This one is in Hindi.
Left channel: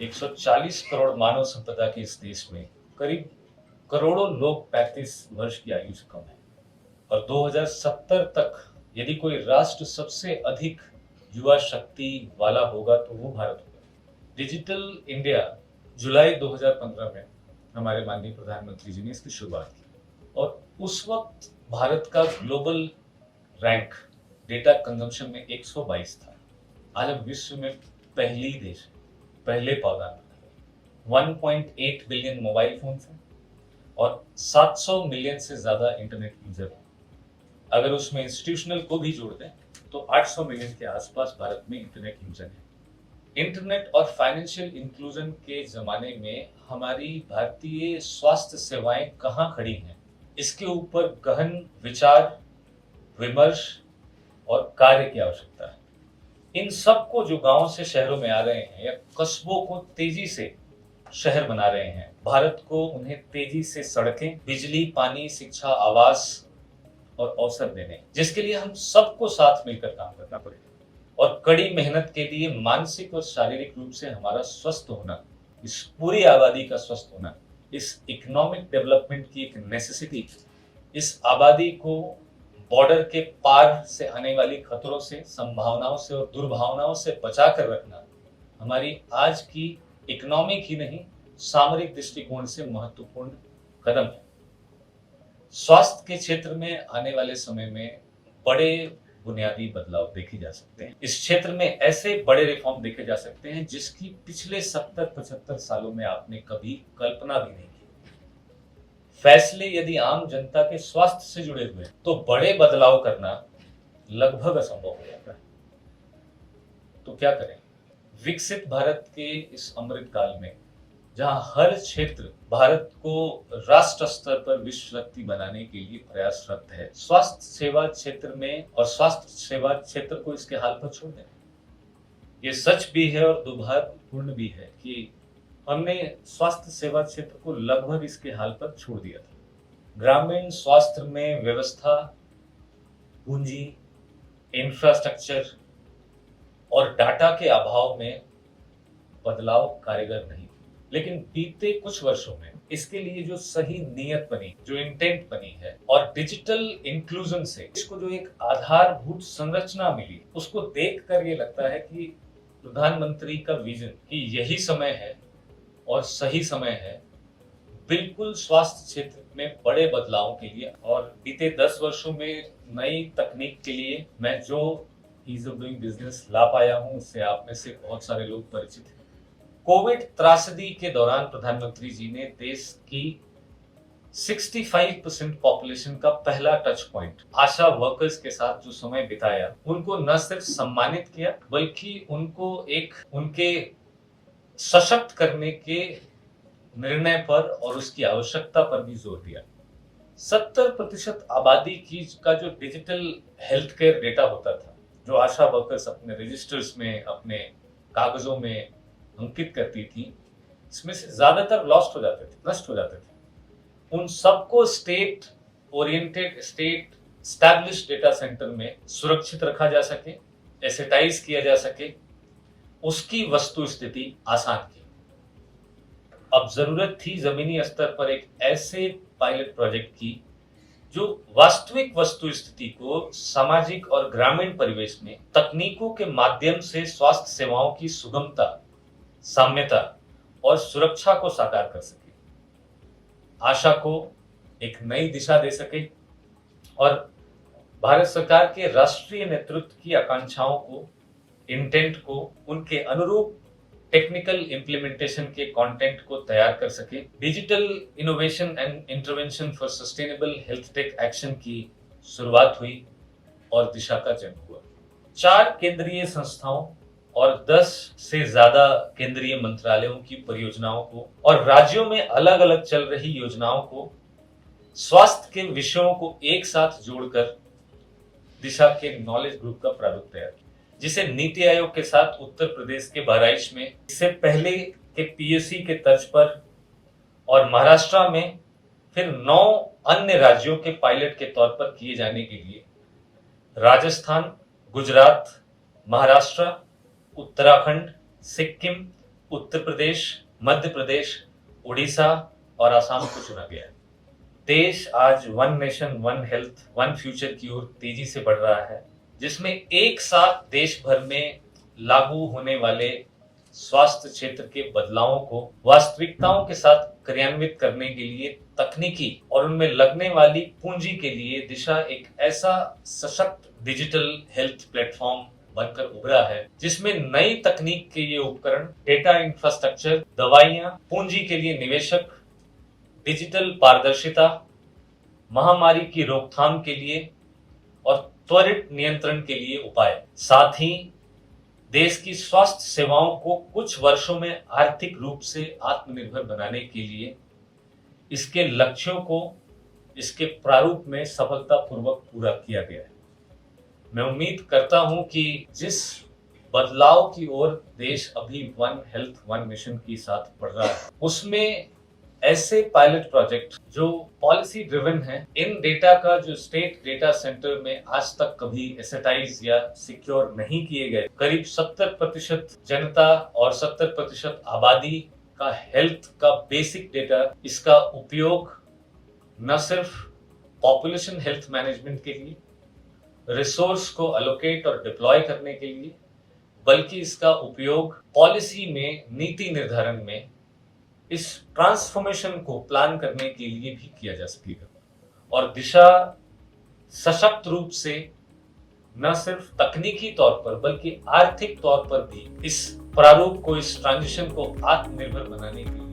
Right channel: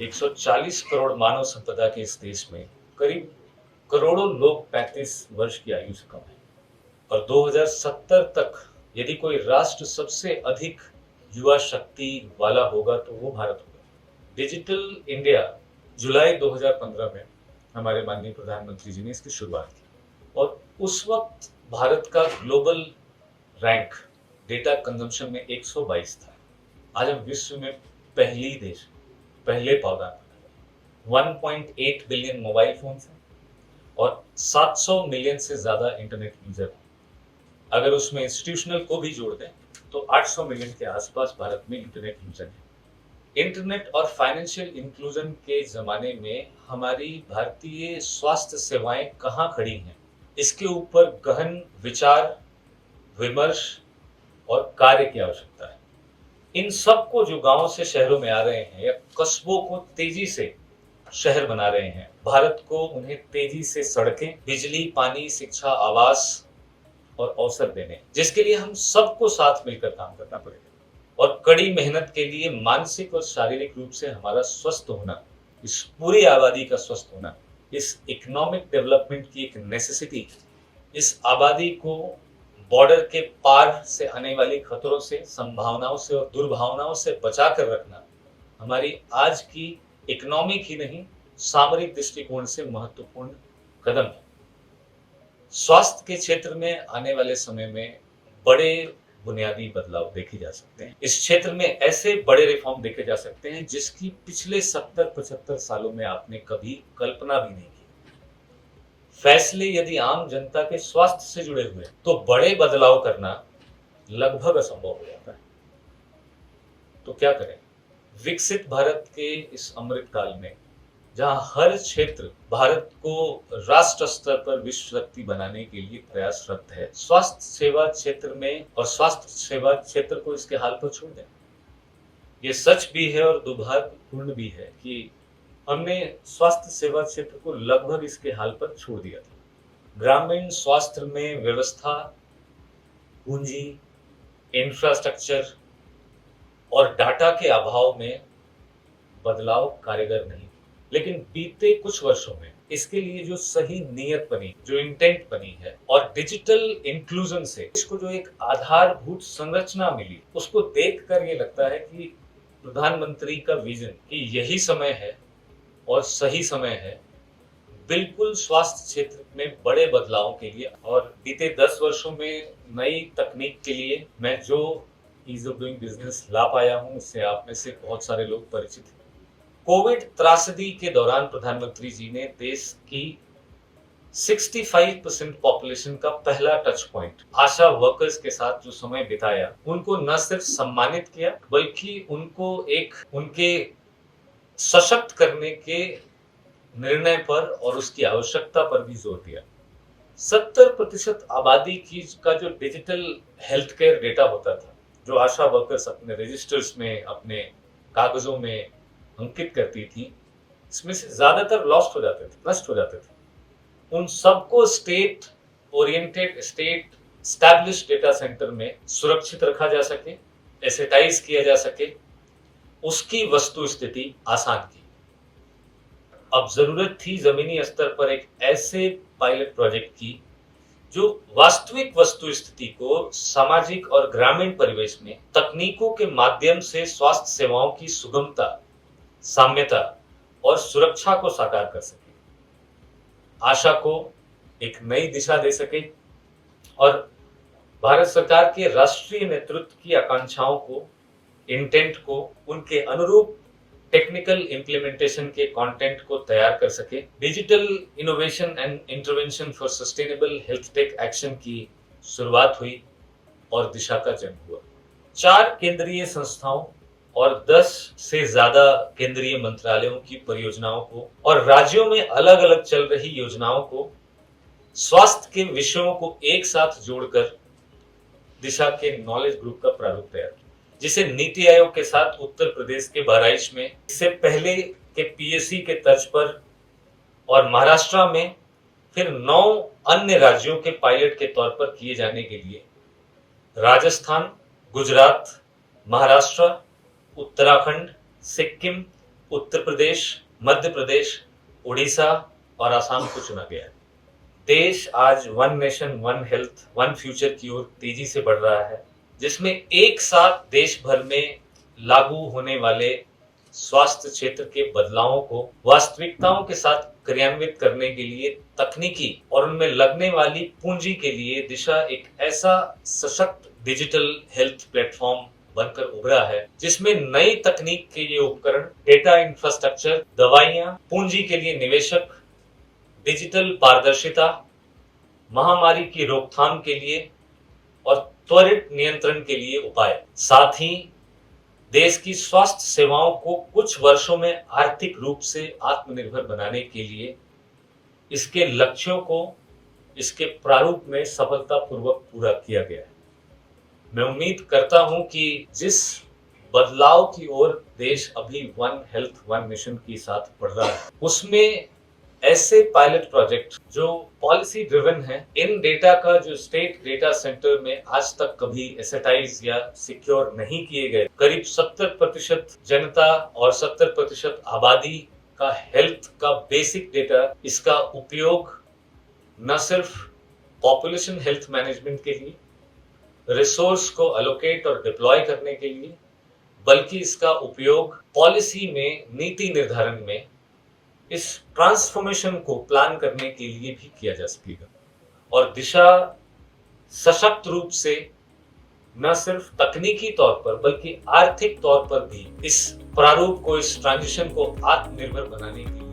140 करोड़ मानव संपदा के इस देश में करीब करोड़ों लोग 35 वर्ष की आयु से कम है और 2070 तक यदि कोई राष्ट्र सबसे अधिक युवा शक्ति वाला होगा तो वो भारत होगा। डिजिटल इंडिया जुलाई 2015 में हमारे माननीय प्रधानमंत्री जी ने इसकी शुरुआत की और उस वक्त भारत का ग्लोबल रैंक डेटा कंजम्पशन में 122 था। आज हम विश्व में पहले देश, पहले पावदान पर 1.8 बिलियन मोबाइल फोन्स हैं और 700 मिलियन से ज्यादा इंटरनेट यूजर हैं। अगर उसमें इंस्टीट्यूशनल को भी जोड़ दें तो 800 मिलियन के आसपास भारत में इंटरनेट यूजर है। इंटरनेट और फाइनेंशियल इंक्लूजन के जमाने में हमारी भारतीय स्वास्थ्य सेवाएं कहां खड़ी हैं, इसके ऊपर गहन विचार, विमर्श और कार्य की आवश्यकता है। इन सबको जो गांव से शहरों में आ रहे हैं या कस्बों को तेजी से शहर बना रहे हैं, भारत को उन्हें तेजी से सड़कें, बिजली, पानी, शिक्षा, आवास और अवसर देने, जिसके लिए हम सबको साथ मिलकर काम करना पड़ेगा और कड़ी मेहनत के लिए मानसिक और शारीरिक रूप से हमारा स्वस्थ होना, इस पूरी आबादी का स्वस्थ होना, इस इकोनॉमिक डेवलपमेंट की एक नेसेसिटी, इस आबादी को बॉर्डर के पार से आने वाली खतरों से, संभावनाओं से और दुर्भावनाओं से बचा कर रखना हमारी आज की इकोनॉमिक ही नहीं सामरिक दृष्टिकोण से महत्वपूर्ण कदम है। स्वास्थ्य के क्षेत्र में आने वाले समय में बड़े बुनियादी बदलाव देखे जा सकते हैं। इस क्षेत्र में ऐसे बड़े रिफॉर्म देखे जा सकते हैं जिसकी पिछले 70-75 सालों में आपने कभी कल्पना भी नहीं की। फैसले यदि आम जनता के स्वास्थ्य से जुड़े हुए तो बड़े बदलाव करना लगभग असंभव हो जाता है। तो क्या करें? विकसित भारत के इस अमृत काल में जहां हर क्षेत्र भारत को राष्ट्र स्तर पर विश्व शक्ति बनाने के लिए प्रयासरत है, स्वास्थ्य सेवा क्षेत्र में और स्वास्थ्य सेवा क्षेत्र को इसके हाल पर छोड़ दें। ये सच भी है और दुर्भाग्यपूर्ण भी है कि हमने स्वास्थ्य सेवा क्षेत्र को लगभग इसके हाल पर छोड़ दिया था। ग्रामीण स्वास्थ्य में व्यवस्था, पूंजी, इंफ्रास्ट्रक्चर और डाटा के अभाव में बदलाव कारगर नहीं। लेकिन बीते कुछ वर्षों में इसके लिए जो सही नीयत बनी, जो इंटेंट बनी है और डिजिटल इंक्लूजन से इसको जो एक आधारभूत संरचना मिली, उसको देखकर ये लगता है कि प्रधानमंत्री का विजन कि यही समय है और सही समय है बिल्कुल स्वास्थ्य क्षेत्र में बड़े बदलाव के लिए। और बीते 10 वर्षों में नई तकनीक के लिए मैं जो ईज ऑफ डूइंग बिजनेस ला पाया हूं उससे आप में से बहुत सारे लोग परिचित हैं। कोविड त्रासदी के दौरान प्रधानमंत्री जी ने देश की 65% पॉपुलेशन का पहला टच पॉइंट आशा वर्कर्स के साथ जो समय बिताया, उनको न सिर्फ सम्मानित किया बल्कि उनको एक उनके सशक्त करने के निर्णय पर और उसकी आवश्यकता पर भी जोर दिया। 70% आबादी की का जो डिजिटल हेल्थ केयर डेटा होता था, जो आशा वर्कर्स अपने रजिस्टर्स में, अपने कागजों में अंकित करती थी, इसमें से ज्यादातर लॉस्ट हो जाते थे, नष्ट हो जाते थे। उन सबको state oriented, state established data centre में सुरक्षित रखा जा सके, एसेटाइज किया जा सके, उसकी वस्तु स्थिति आसान की। अब जरूरत थी जमीनी स्तर पर एक ऐसे पायलट प्रोजेक्ट की जो वास्तविक वस्तु स्थिति को सामाजिक और ग्रामीण परिवेश में तकनीकों के माध्यम से स्वास्थ्य सेवाओं की सुगमता, साम्यता और सुरक्षा को साकार कर सके, आशा को एक नई दिशा दे सके और भारत सरकार के राष्ट्रीय नेतृत्व की आकांक्षाओं को, इंटेंट को, उनके अनुरूप टेक्निकल इंप्लीमेंटेशन के कंटेंट को तैयार कर सके। Digital innovation and intervention for sustainable health take action की शुरुआत हुई और दिशा का जन्म हुआ। 4 केंद्रीय संस्थाओं और 10 से ज्यादा केंद्रीय मंत्रालयों की परियोजनाओं को और राज्यों में अलग अलग चल रही योजनाओं को, स्वास्थ्य के विषयों को एक साथ जोड़कर दिशा के नॉलेज ग्रुप का प्रारूप तैयार किया, जिसे नीति आयोग के साथ उत्तर प्रदेश के बहराइच में, इससे पहले के पीएससी के तर्ज पर और महाराष्ट्र में फिर 9 अन्य राज्यों के पायलट के तौर पर किए जाने के लिए राजस्थान, गुजरात, महाराष्ट्र, उत्तराखंड, सिक्किम, उत्तर प्रदेश, मध्य प्रदेश, उड़ीसा और आसाम को चुना गया है। देश आज one nation one health one future की ओर तेजी से बढ़ रहा है, जिसमें एक साथ देश भर में लागू होने वाले स्वास्थ्य क्षेत्र के बदलावों को वास्तविकताओं के साथ क्रियान्वित करने के लिए तकनीकी और उनमें लगने वाली पूंजी के लिए दिशा एक ऐसा सशक्त डिजिटल हेल्थ प्लेटफॉर्म बनकर उभरा है, जिसमें नई तकनीक के लिए उपकरण, डेटा इंफ्रास्ट्रक्चर, दवाइयां, पूंजी के लिए निवेशक, डिजिटल पारदर्शिता, महामारी की रोकथाम के लिए और त्वरित नियंत्रण के लिए उपाय, साथ ही देश की स्वास्थ्य सेवाओं को कुछ वर्षों में आर्थिक रूप से आत्मनिर्भर बनाने के लिए इसके लक्ष्यों को इसके प्रारूप में सफलतापूर्वक पूरा किया गया है। मैं उम्मीद करता हूं कि जिस बदलाव की ओर देश अभी वन हेल्थ वन मिशन के साथ बढ़ रहा है, उसमें ऐसे पायलट प्रोजेक्ट जो पॉलिसी ड्रिवन है, इन डेटा का जो स्टेट डेटा सेंटर में आज तक कभी एसेटाइज या सिक्योर नहीं किए गए, करीब 70% जनता और 70% आबादी का हेल्थ का बेसिक डेटा, इसका उपयोग न सिर्फ पॉपुलेशन हेल्थ मैनेजमेंट के लिए, रिसोर्स को अलोकेट और डिप्लॉय करने के लिए, बल्कि इसका उपयोग पॉलिसी में, नीति निर्धारण में, इस ट्रांसफॉर्मेशन को प्लान करने के लिए भी किया जा सकेगा और दिशा सशक्त रूप से न सिर्फ तकनीकी तौर पर बल्कि आर्थिक तौर पर भी इस प्रारूप को, इस ट्रांजिशन को आत्मनिर्भर बनाने के लिए